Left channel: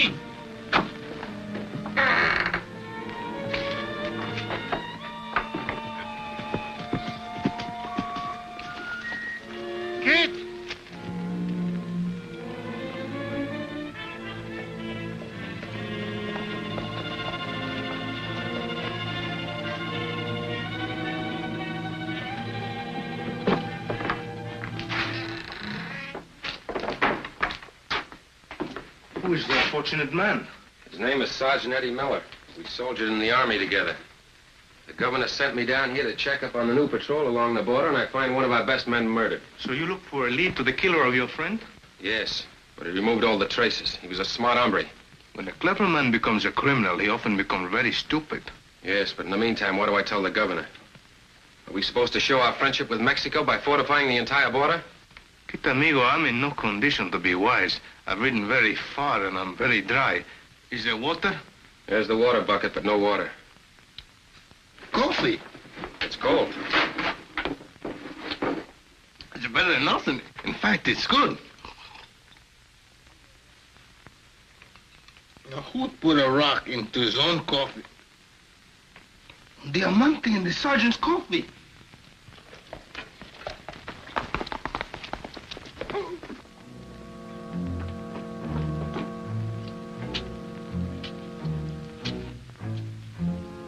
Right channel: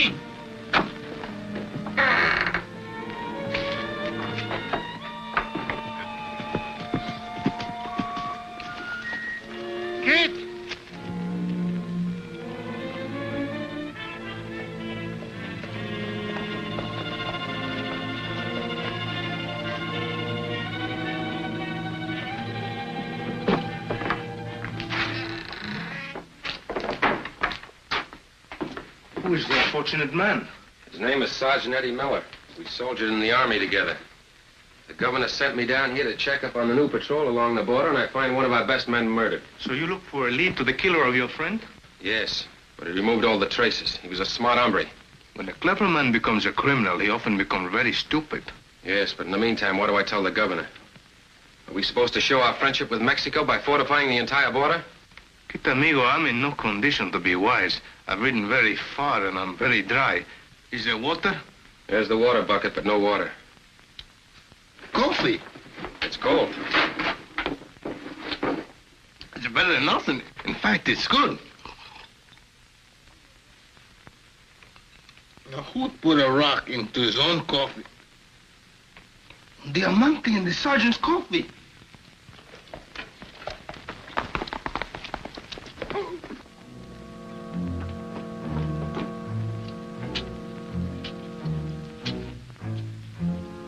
aquí. Kid! Who is the unfortunate man? His name is Sergeant Eddie Miller. We soldiered in the army together. The governor sent me down here to check up on the new patrol along the border, and I find one of our best men murdered. So you look for a lead to the killer of your friend? Yes, but he removed all the traces. He was a smart hombre. When a clever man becomes a criminal, he often becomes very stupid. Yes, but in the meantime, what do I tell the governor? Are we supposed to show our friendship with Mexico by fortifying the entire border? Kid amigo, I'm in no condition to be wise. I've ridden very far and I'm very dry. Is there water? There's the water bucket, but no water. Coffee. It's cold. It's better than nothing. In fact, it's good. Now, who put a rock into his own coffee? Diamante in the sergeant's coffee.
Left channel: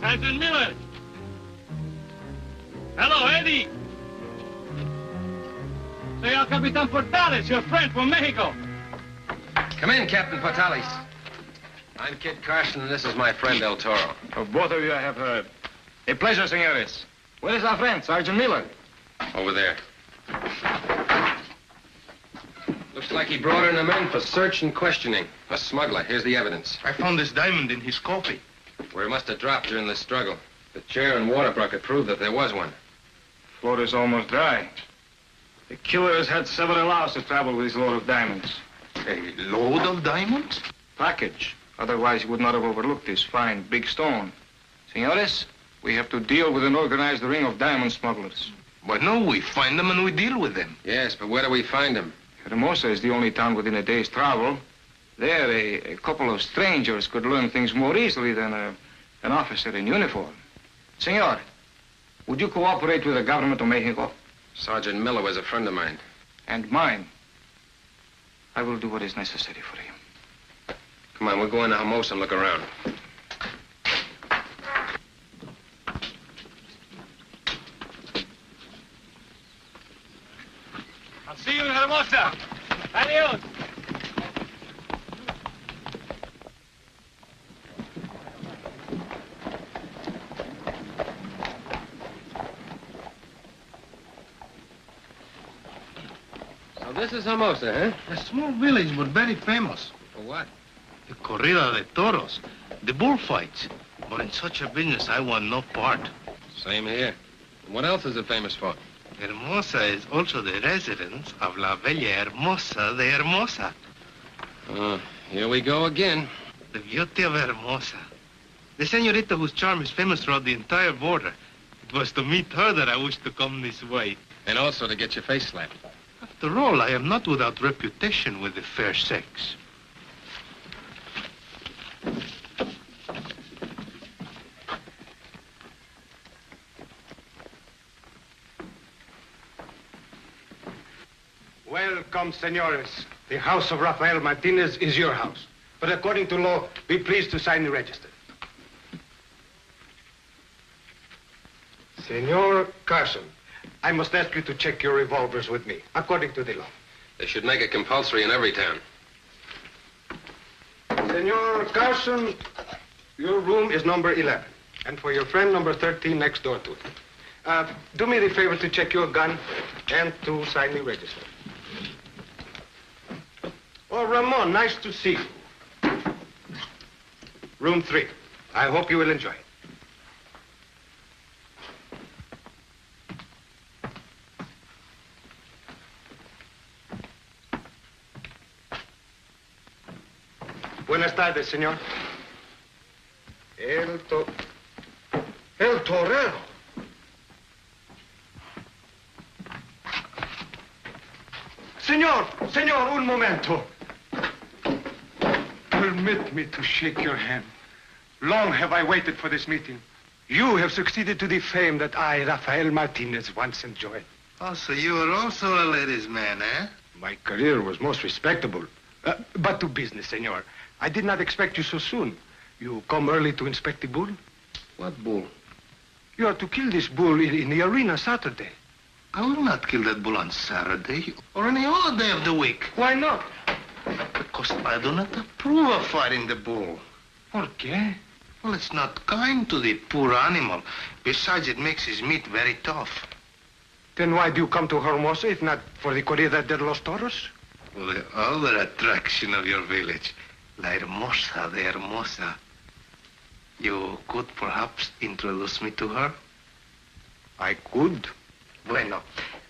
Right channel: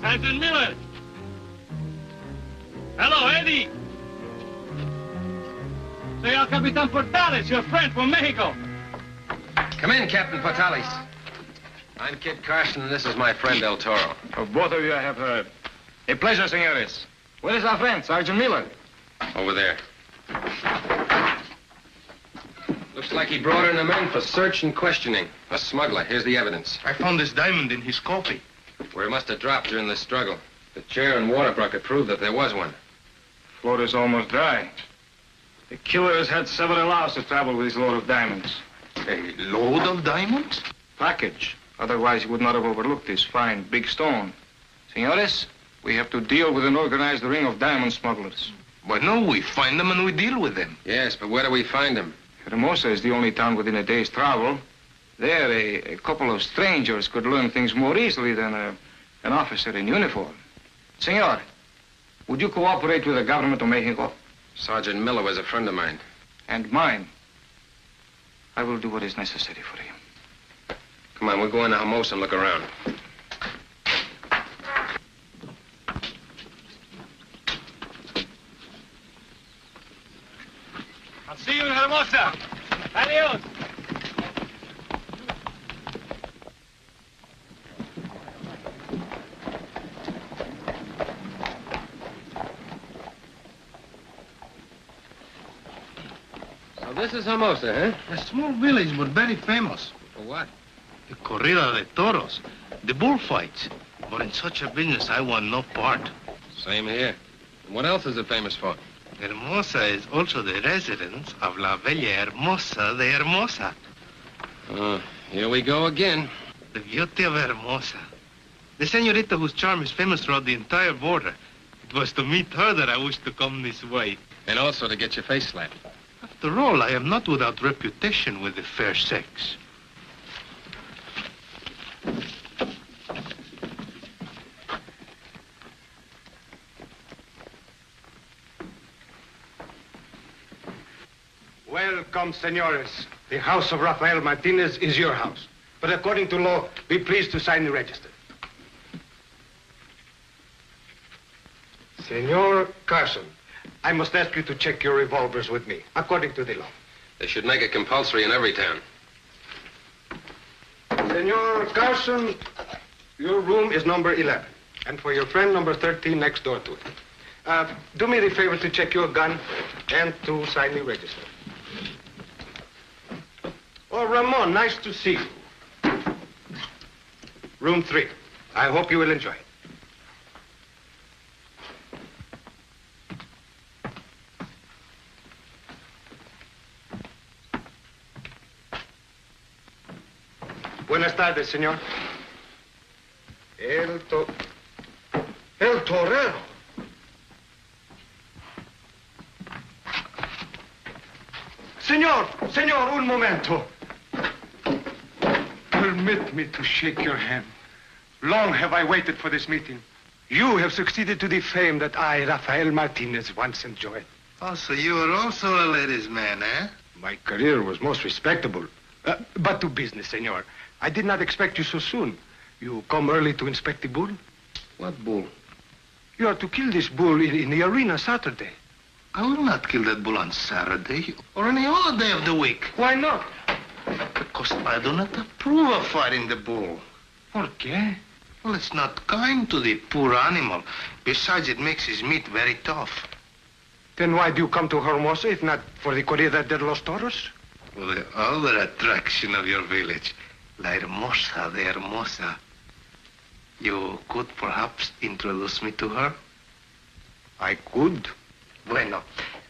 Sergeant Miller. Hello, Eddie. Senor Capitan Portales, your friend from Mexico. Come in, Captain Portales. I'm Kid Carson, and this is my friend El Toro. Of both of you I have heard. A pleasure, senores. Where is our friend, Sergeant Miller? Over there. Looks like he brought in a man for search and questioning. A smuggler. Here's the evidence. I found this diamond in his coffee. Where it must have dropped during the struggle. The chair and water bucket prove that there was one. Floor is almost dry. The killer has had several hours to travel with his load of diamonds. A load of diamonds? Package. Otherwise, he would not have overlooked this fine, big stone. Senores, we have to deal with an organized ring of diamond smugglers. But no, we find them and we deal with them. Yes, but where do we find them? Hermosa is the only town within a day's travel. There, a couple of strangers could learn things more easily than an officer in uniform. Senor, would you cooperate with the government of Mexico? Sergeant Miller was a friend of mine. And mine. I will do what is necessary for you. Come on, we'll go into Hermosa and look around. I'll see you in Hermosa. Adios. So this is Hermosa, huh? A small village, but very famous. For what? The corrida de toros, the bullfights. But in such a business, I want no part. Same here. And what else is it famous for? Hermosa is also the residence of La Bella Hermosa de Hermosa. Oh, here we go again. The beauty of Hermosa. The senorita whose charm is famous throughout the entire border. It was to meet her that I wished to come this way. And also to get your face slapped. After all, I am not without reputation with the fair sex. Welcome, senores. The house of Rafael Martinez is your house. But according to law, be pleased to sign the register. Senor Carson, I must ask you to check your revolvers with me, according to the law. They should make it compulsory in every town. Senor Carson, your room is number 11. And for your friend, number 13, next door to it. Do me the favor to check your gun and to sign the register. Oh, Ramon, nice to see you. Room 3. I hope you will enjoy it. Buenas tardes, señor. El torero. Señor, un momento. Un Permit me to shake your hand. Long have I waited for this meeting. You have succeeded to the fame that I, Rafael Martinez, once enjoyed. Oh, so you are also a ladies' man, eh? My career was most respectable. But to business, senor. I did not expect you so soon. You come early to inspect the bull? What bull? You are to kill this bull in the arena Saturday. I will not kill that bull on Saturday or any other day of the week. Why not? Because I do not approve of fighting the bull. ¿Por qué? Well, it's not kind to the poor animal. Besides, it makes his meat very tough. Then why do you come to Hermosa if not for the Corrida de los Toros? For the other attraction of your village, La Hermosa de Hermosa. You could perhaps introduce me to her? I could. Bueno.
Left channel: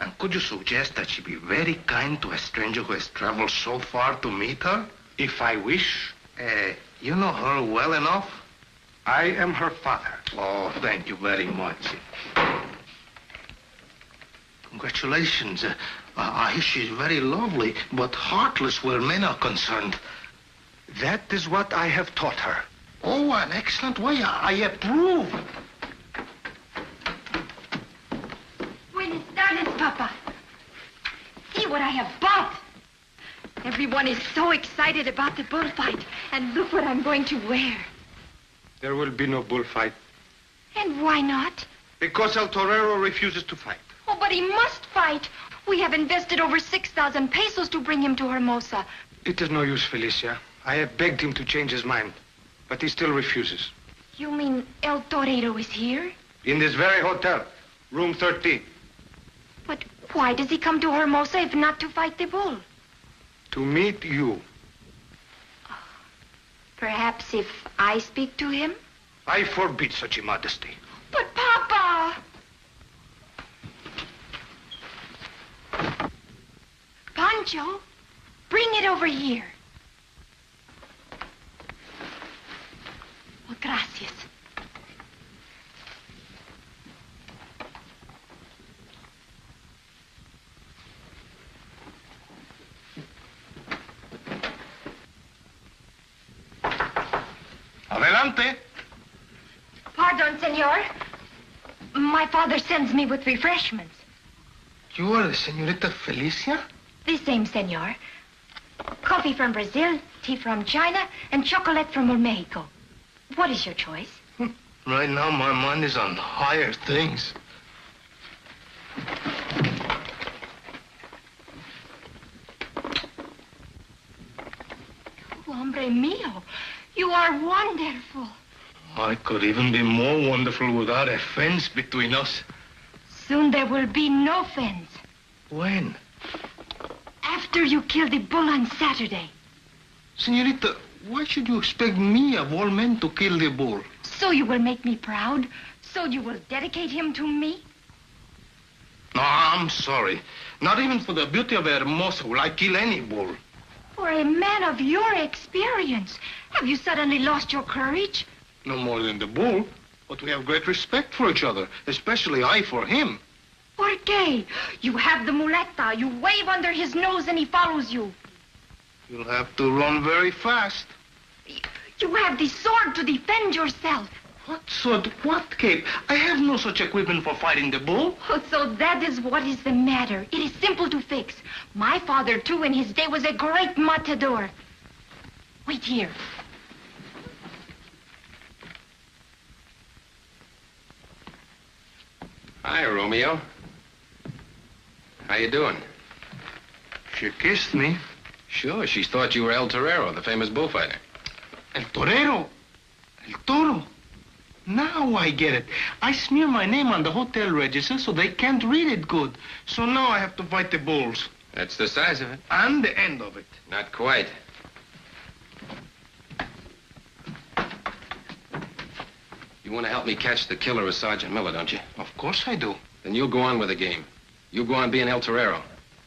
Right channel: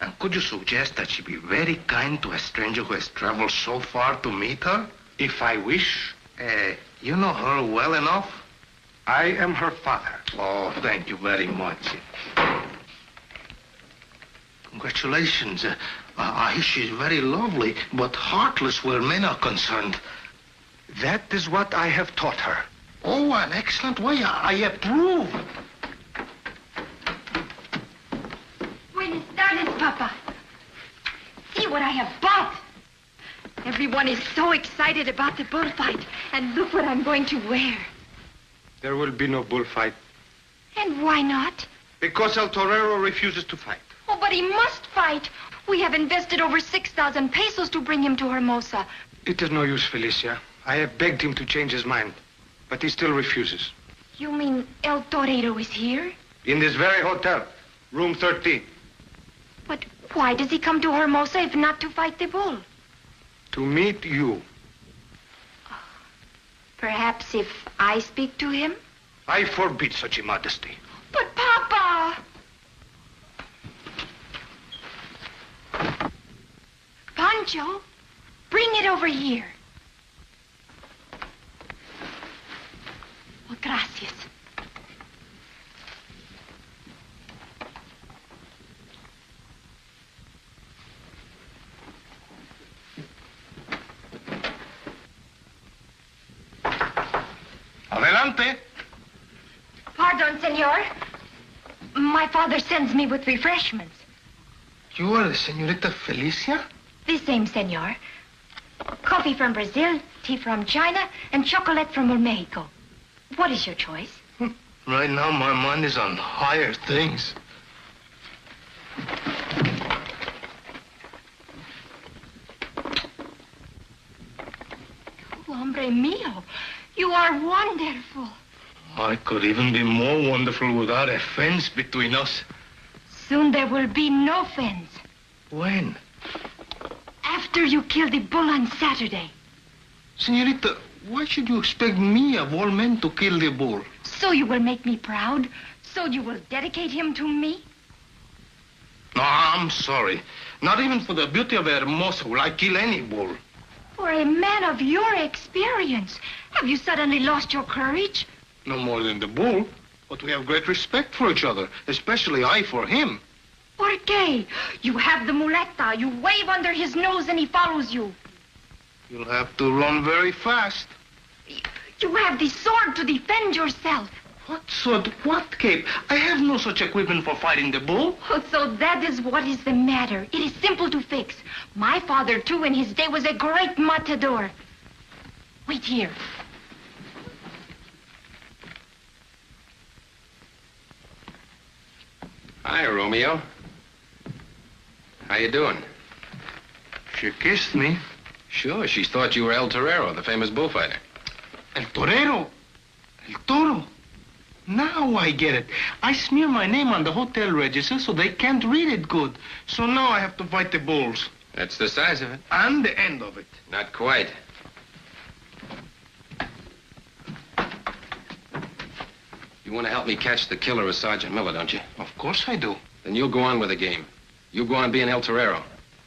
And could you suggest that she be very kind to a stranger who has traveled so far to meet her? If I wish. You know her well enough? I am her father. Oh, thank you very much. Congratulations. I hear she's very lovely, but heartless where men are concerned. That is what I have taught her. Oh, an excellent way. I approve. Buenas tardes, Papa. See what I have bought. Everyone is so excited about the bullfight. And look what I'm going to wear. There will be no bullfight. And why not? Because El Torero refuses to fight. Oh, but he must fight. We have invested over 6,000 pesos to bring him to Hermosa. It is no use, Felicia. I have begged him to change his mind. But he still refuses. You mean El Torero is here? In this very hotel, room 13. But why does he come to Hermosa if not to fight the bull? To meet you. Perhaps if I speak to him? I forbid such immodesty. But, Papa! Pancho, bring it over here. Oh, gracias. Adelante. Pardon, senor. My father sends me with refreshments. You are the Señorita Felicia? The same, senor. Coffee from Brazil, tea from China, and chocolate from Mexico. What is your choice? Right now, my mind is on higher things. Oh, hombre mío, you are wonderful. I could even be more wonderful without a fence between us. Soon there will be no fence. When? After you kill the bull on Saturday. Señorita, why should you expect me, of all men, to kill the bull? So you will make me proud? So you will dedicate him to me? No, I'm sorry. Not even for the beauty of Hermosa will I kill any bull. For a man of your experience, have you suddenly lost your courage? No more than the bull, but we have great respect for each other, especially I for him. ¿Por qué? You have the muleta. You wave under his nose and he follows you. You'll have to run very fast. You have the sword to defend yourself. What sword? What cape? I have no such equipment for fighting the bull. Oh, so that is what is the matter. It is simple to fix. My father, too, in his day was a great matador. Wait here. Hi, Romeo. How you doing? She kissed me. Sure, she thought you were El Torero, the famous bullfighter. El Torero. El Toro. Now I get it. I smear my name on the hotel register so they can't read it good. So now I have to fight the bulls. That's the size of it. And the end of it. Not quite. You want to help me catch the killer of Sergeant Miller, don't you? Of course I do. Then you'll go on with the game. You go on being El Torero.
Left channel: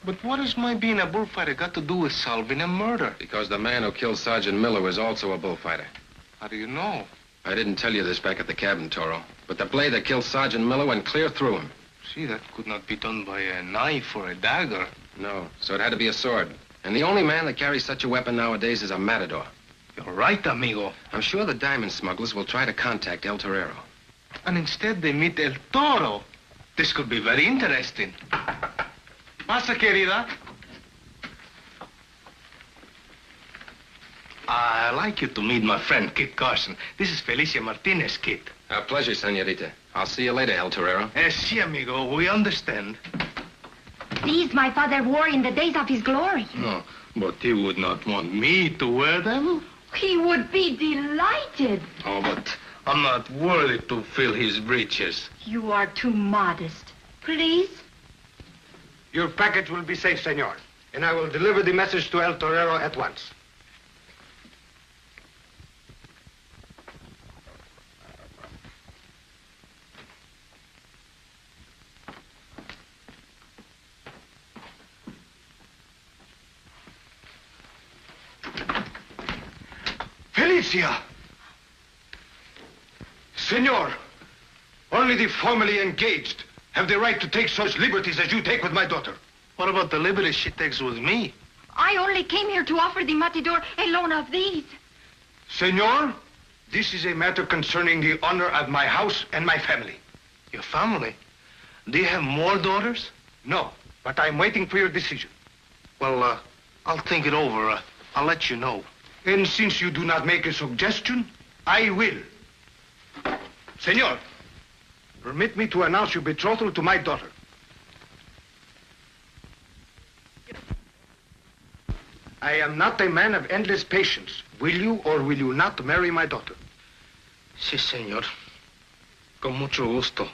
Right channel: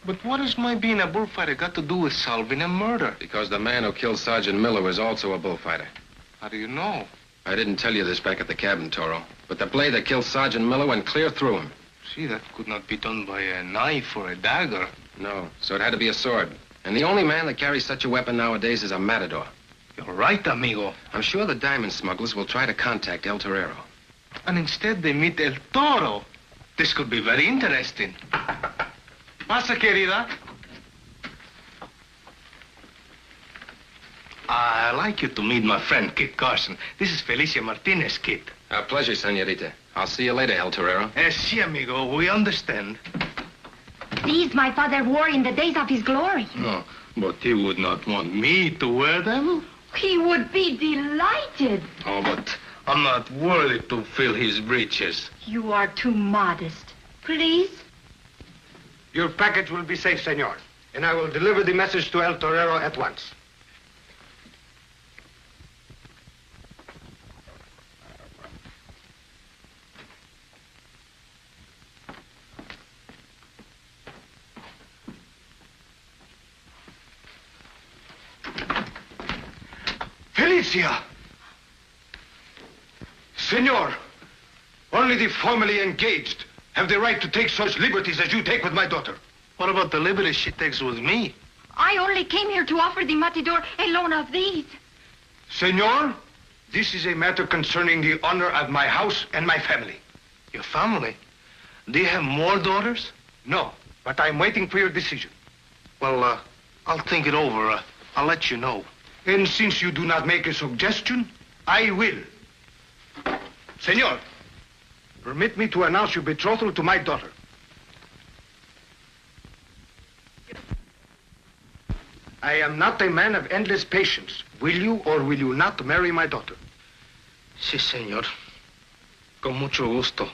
But what has my being a bullfighter got to do with solving a murder? Because the man who killed Sergeant Miller was also a bullfighter. How do you know? I didn't tell you this back at the cabin, Toro. But the blade that killed Sergeant Miller went clear through him. See, that could not be done by a knife or a dagger. No, so it had to be a sword. And the only man that carries such a weapon nowadays is a matador. You're right, amigo. I'm sure the diamond smugglers will try to contact El Torero. And instead they meet El Toro. This could be very interesting. Pasa, querida. I'd like you to meet my friend, Kit Carson. This is Felicia Martinez, Kit. A pleasure, senorita. I'll see you later, El Torero. Si, amigo, we understand. These my father wore in the days of his glory. No, but he would not want me to wear them. He would be delighted. Oh, but I'm not worthy to fill his breeches. You are too modest. Please? Your package will be safe, senor. And I will deliver the message to El Torero at once. Felicia! Senor, only the formally engaged have the right to take such liberties as you take with my daughter. What about the liberties she takes with me? I only came here to offer the matador a loan of these. Senor, this is a matter concerning the honor of my house and my family. Your family? Do you have more daughters? No, but I'm waiting for your decision. Well, I'll think it over. I'll let you know. And since you do not make a suggestion, I will. Senor, permit me to announce your betrothal to my daughter. I am not a man of endless patience. Will you or will you not marry my daughter? Si, senor. Con mucho gusto.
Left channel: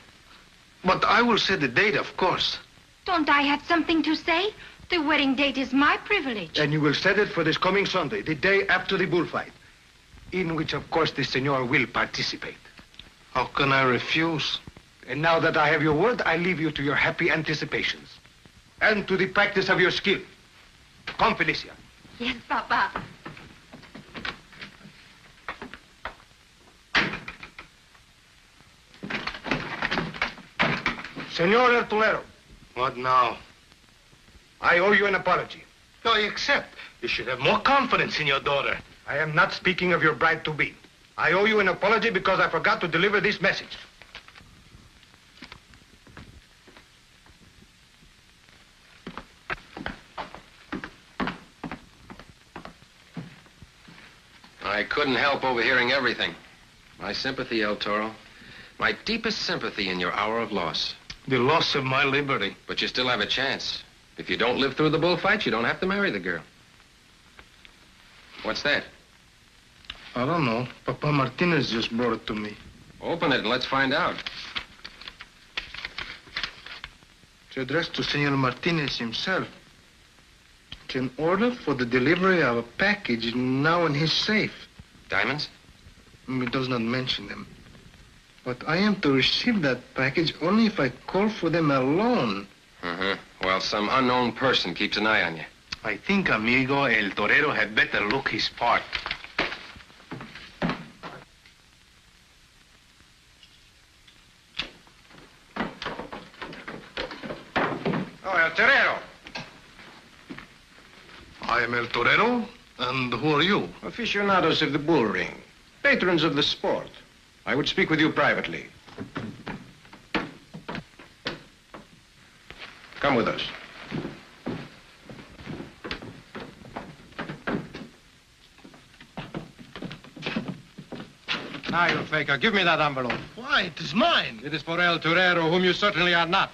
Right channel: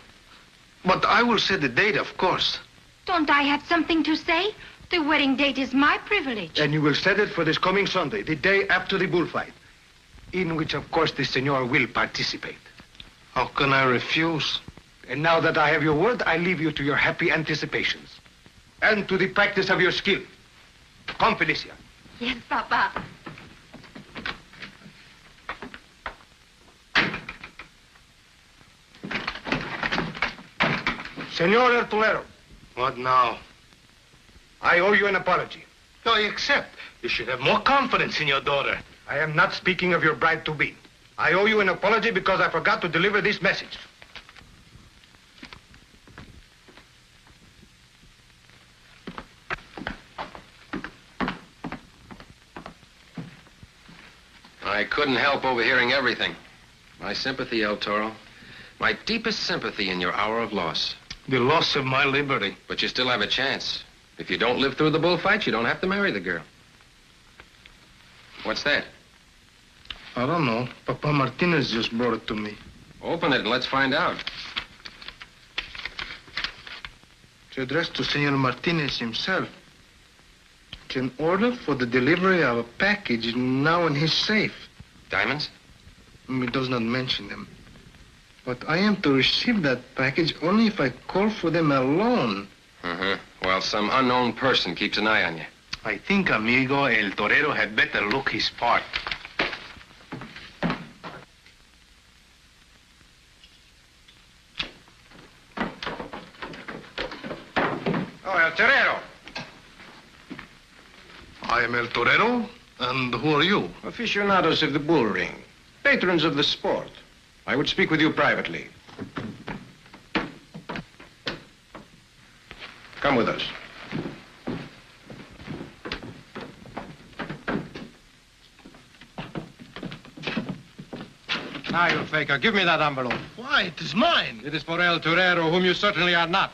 But I will set the date, of course. Don't I have something to say? The wedding date is my privilege. And you will set it for this coming Sunday, the day after the bullfight, in which, of course, the senor will participate. How can I refuse? And now that I have your word, I leave you to your happy anticipations. And to the practice of your skill. Come, Felicia. Yes, Papa. Senor El Tolero, What now? I owe you an apology. No, I accept. You should have more confidence in your daughter. I am not speaking of your bride-to-be. I owe you an apology because I forgot to deliver this message. I couldn't help overhearing everything. My sympathy, El Toro. My deepest sympathy in your hour of loss. The loss of my liberty. But you still have a chance. If you don't live through the bullfight, you don't have to marry the girl. What's that? I don't know. Papa Martinez just brought it to me. Open it and let's find out. It's addressed to Senor Martinez himself. It's an order for the delivery of a package now in his safe. Diamonds? It does not mention them. But I am to receive that package only if I call for them alone. Well, some unknown person keeps an eye on you. I think, amigo, El Torero had better look his part. Oh, El Torero. I am El Torero, and who are you? Aficionados of the bull ring, patrons of the sport. I would speak with you privately. Come with us. Now, you faker, give me that envelope. Why, it is mine. It is for El Torero, whom you certainly are not.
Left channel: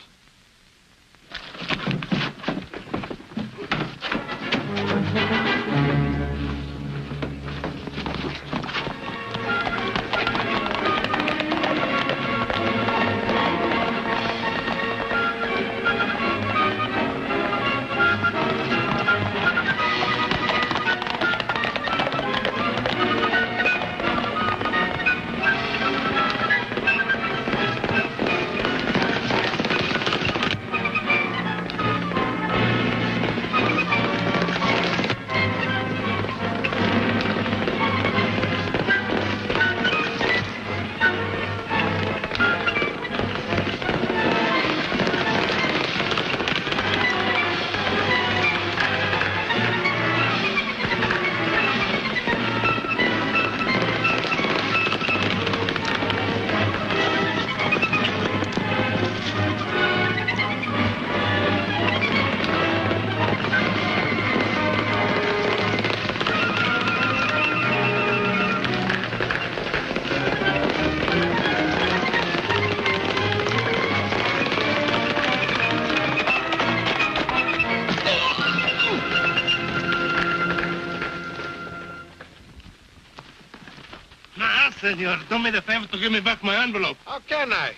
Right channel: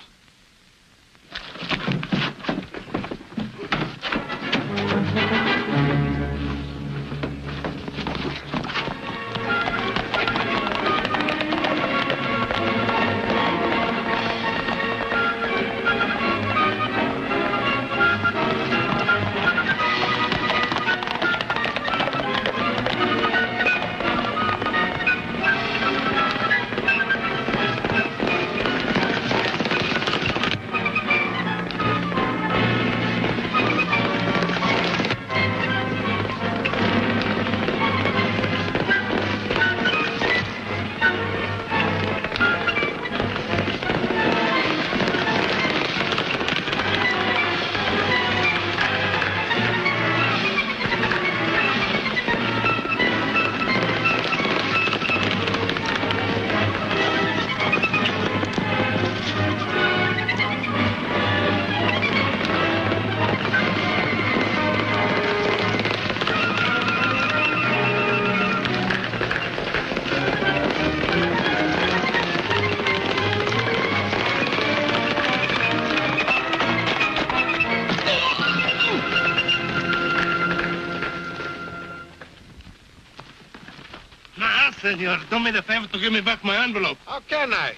senor. Do me the favor to give me back my envelope. How can I?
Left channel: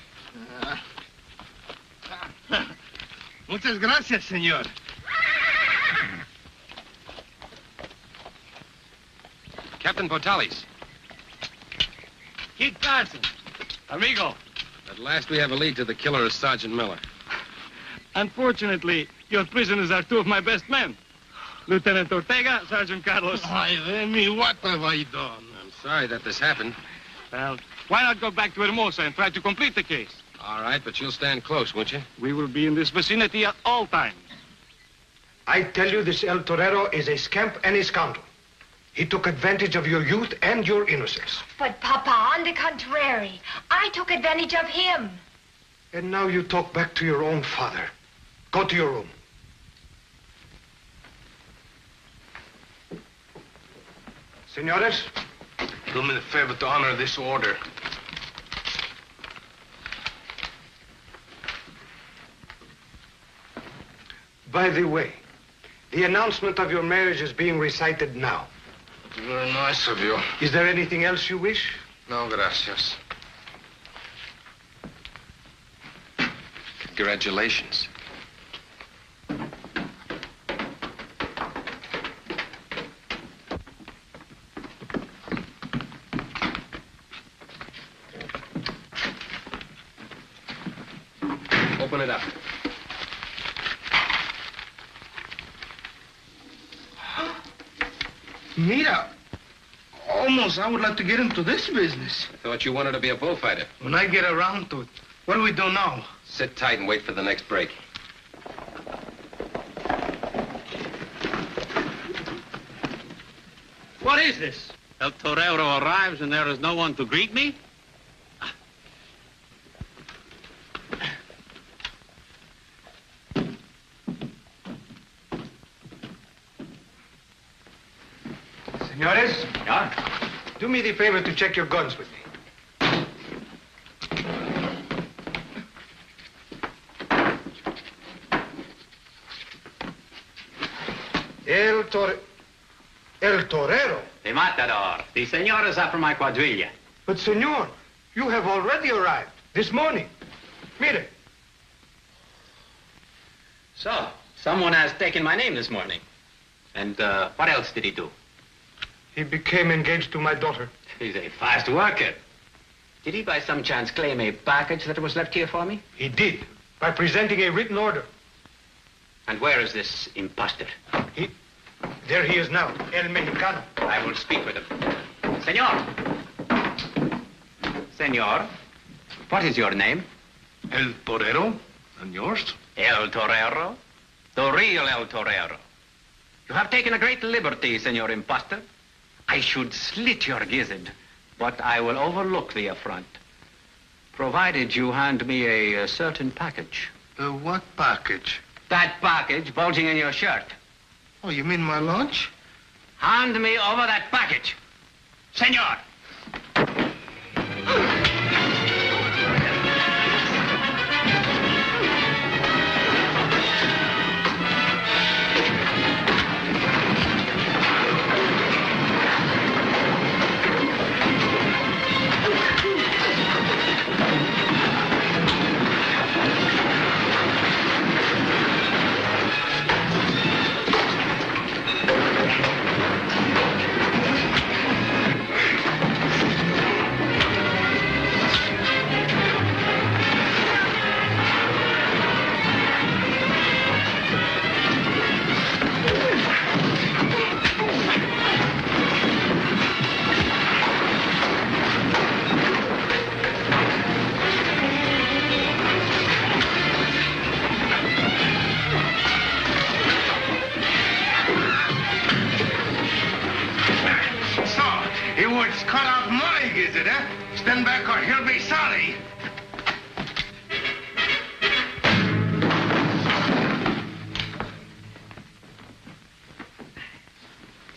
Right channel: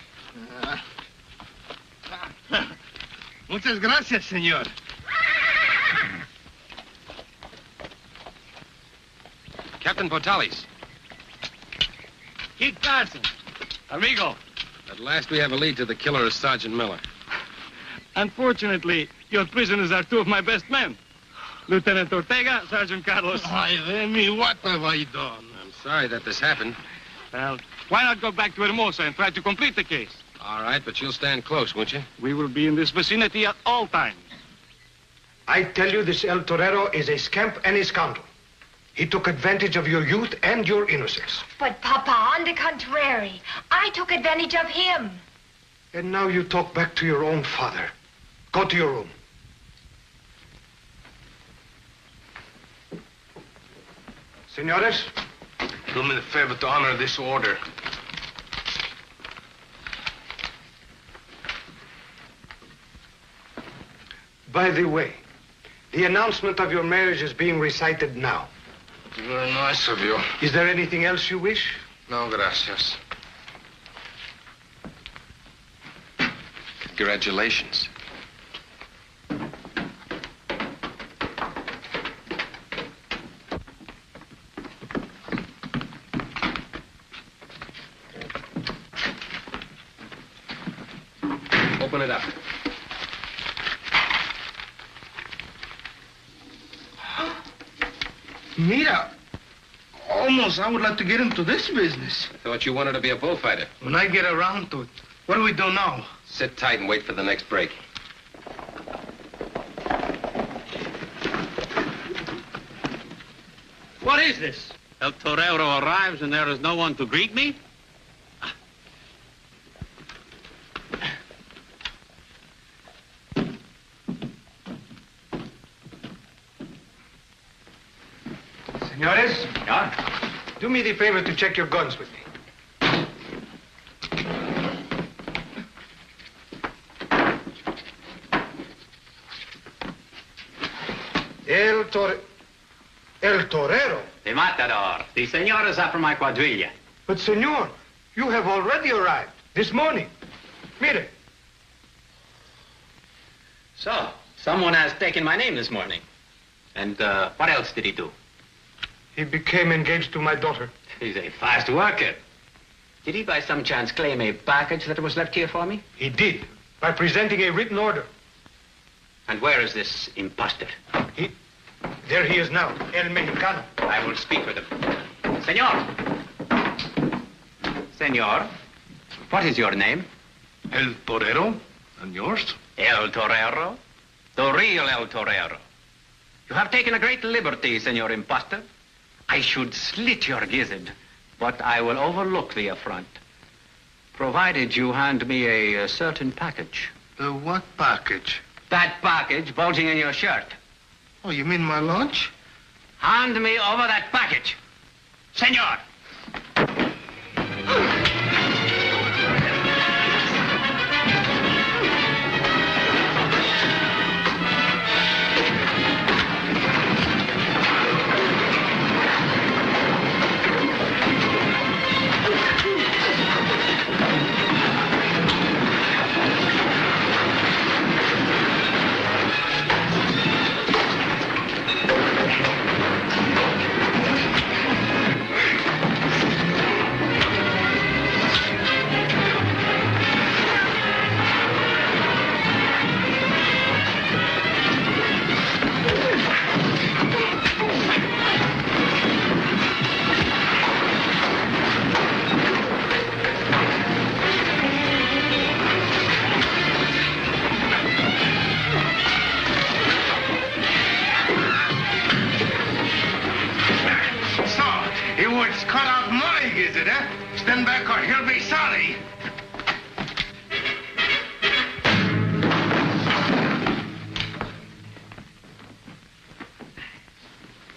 Muchas gracias, senor. Captain Potales. Kid Carson. Amigo. At last we have a lead to the killer of Sergeant Miller. Unfortunately, your prisoners are two of my best men. Lieutenant Ortega, Sergeant Carlos. Ay, Remy, what have I done? I'm sorry that this happened. Well, why not go back to Hermosa and try to complete the case? All right, but you'll stand close, won't you? We will be in this vicinity at all times. I tell you, this El Torero is a scamp and a scoundrel. He took advantage of your youth and your innocence. But, Papa, on the contrary, I took advantage of him. And now you talk back to your own father. Go to your room. Senores? Do me the favor to honor this order. By the way, the announcement of your marriage is being recited now. Very nice of you. Is there anything else you wish? No, gracias. Congratulations. Open it up. Mira. Almost, I would like to get into this business. I thought you wanted to be a bullfighter. When I get around to it. What do we do now? Sit tight and wait for the next break. What is this? El Torero arrives and there is no one to greet me? Senores? Do me the favor to check your guns with me. El Torero? The matador. The senor is after my quadrilla. But, senor, you have already arrived this morning. Mire. So, someone has taken my name this morning. And what else did he do? He became engaged to my daughter. He's a fast worker. Did he by some chance claim a package that was left here for me? He did, by presenting a written order. And where is this imposter? There he is now, El Mexicano. I will speak with him. Senor. Senor, what is your name? El Torero? And yours? El Torero. The real El Torero. You have taken a great liberty, Senor Imposter. I should slit your gizzard, but I will overlook the affront, provided you hand me a certain package. What package? That package bulging in your shirt. Oh, you mean my lunch? Hand me over that package. Senor! Stand back or he'll be sorry.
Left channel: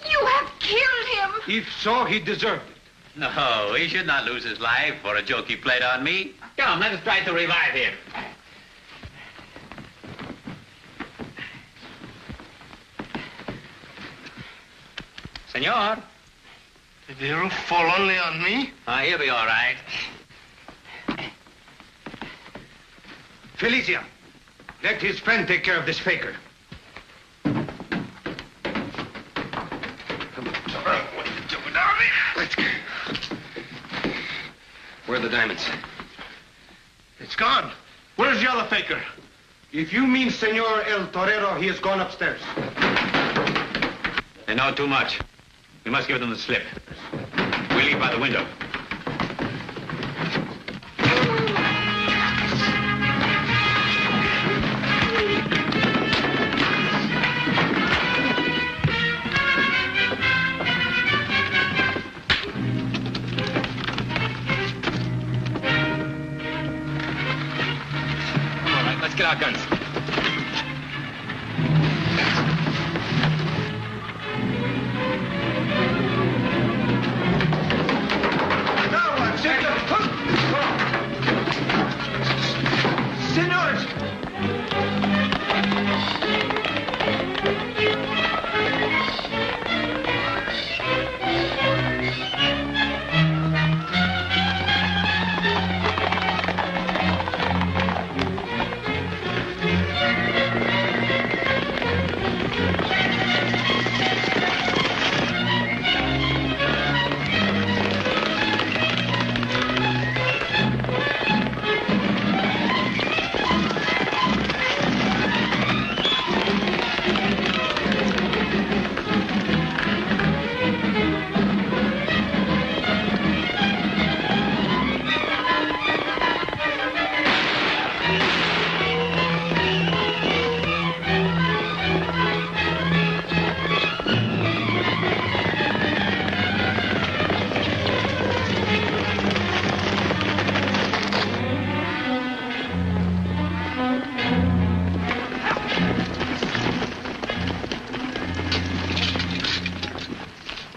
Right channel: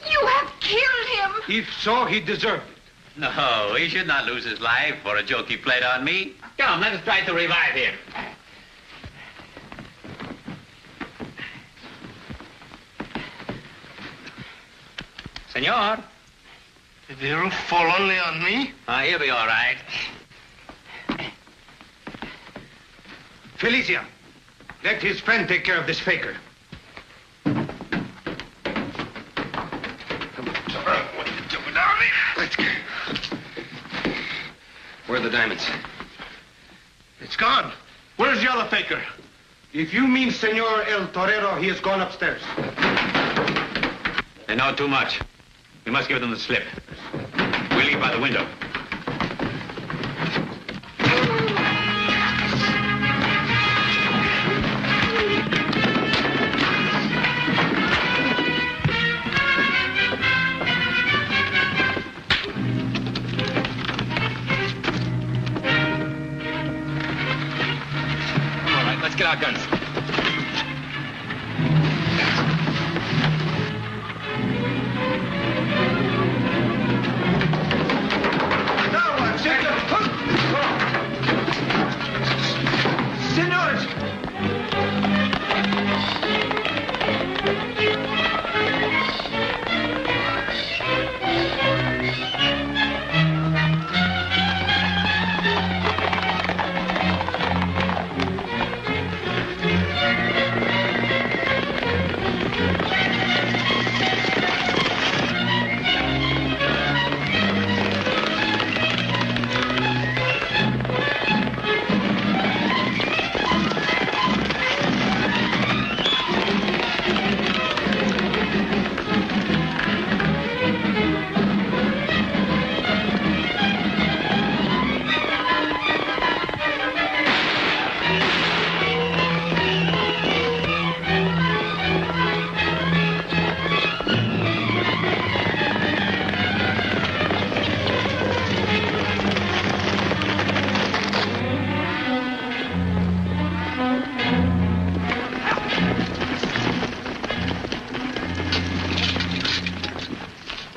You have killed him. If so, he deserved it. No, he should not lose his life for a joke he played on me. Come, let us try to revive him. Senor, Did the roof fall only on me? He'll be all right. Felicia, let his friend take care of this faker. Where are the diamonds? It's gone. Where's the other faker? If you mean Senor El Torero, he has gone upstairs. They know too much. We must give them the slip. We'll leave by the window. All right, let's get our guns.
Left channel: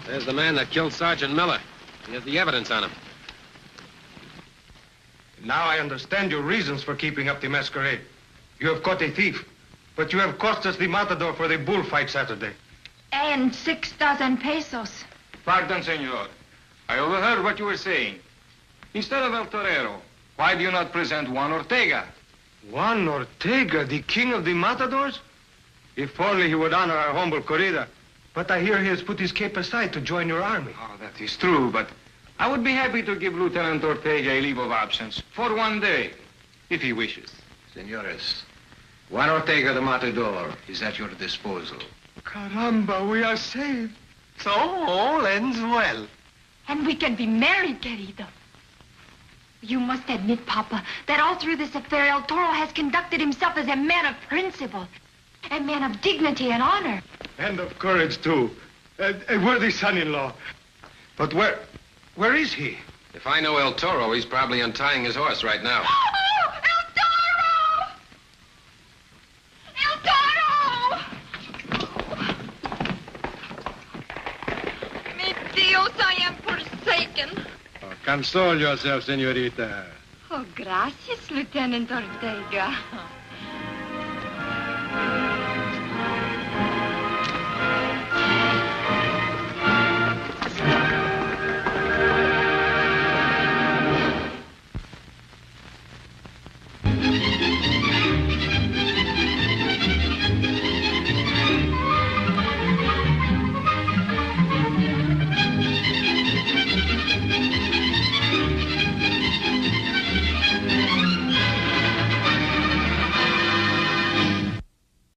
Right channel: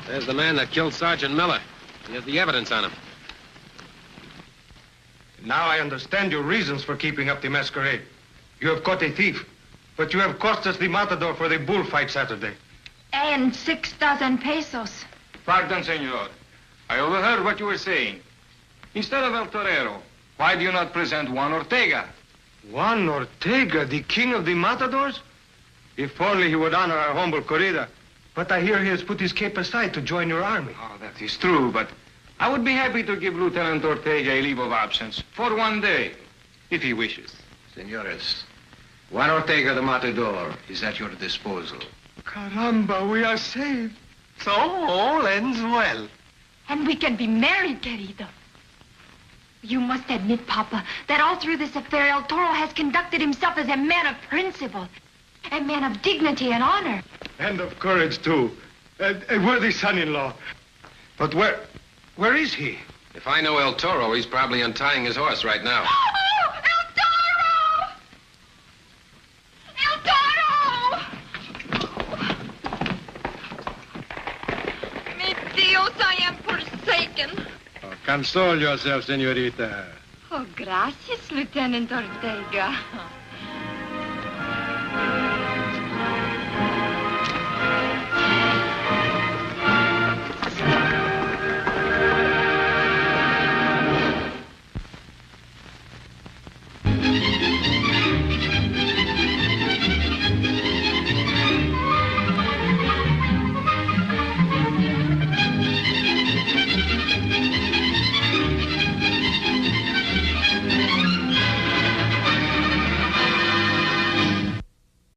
There's the man that killed Sergeant Miller. We have the evidence on him. Now I understand your reasons for keeping up the masquerade. You have caught a thief, but you have cost us the matador for the bullfight Saturday. And 6,000 pesos. Pardon, senor. I overheard what you were saying. Instead of El Torero, why do you not present Juan Ortega? Juan Ortega, the king of the matadors? If only he would honor our humble corrida. But I hear he has put his cape aside to join your army. Oh, that is true, but I would be happy to give Lieutenant Ortega a leave of absence for 1 day, if he wishes. Senores, Juan Ortega the Matador is at your disposal. Caramba, we are saved. So all ends well. And we can be married, querido. You must admit, Papa, that all through this affair, El Toro has conducted himself as a man of principle, a man of dignity and honor. And of courage, too. A worthy son-in-law. But where is he? If I know El Toro, he's probably untying his horse right now. Oh, El Toro! El Toro! Mi Dios, I am forsaken. Console yourself, senorita. Oh, gracias, Lieutenant Ortega.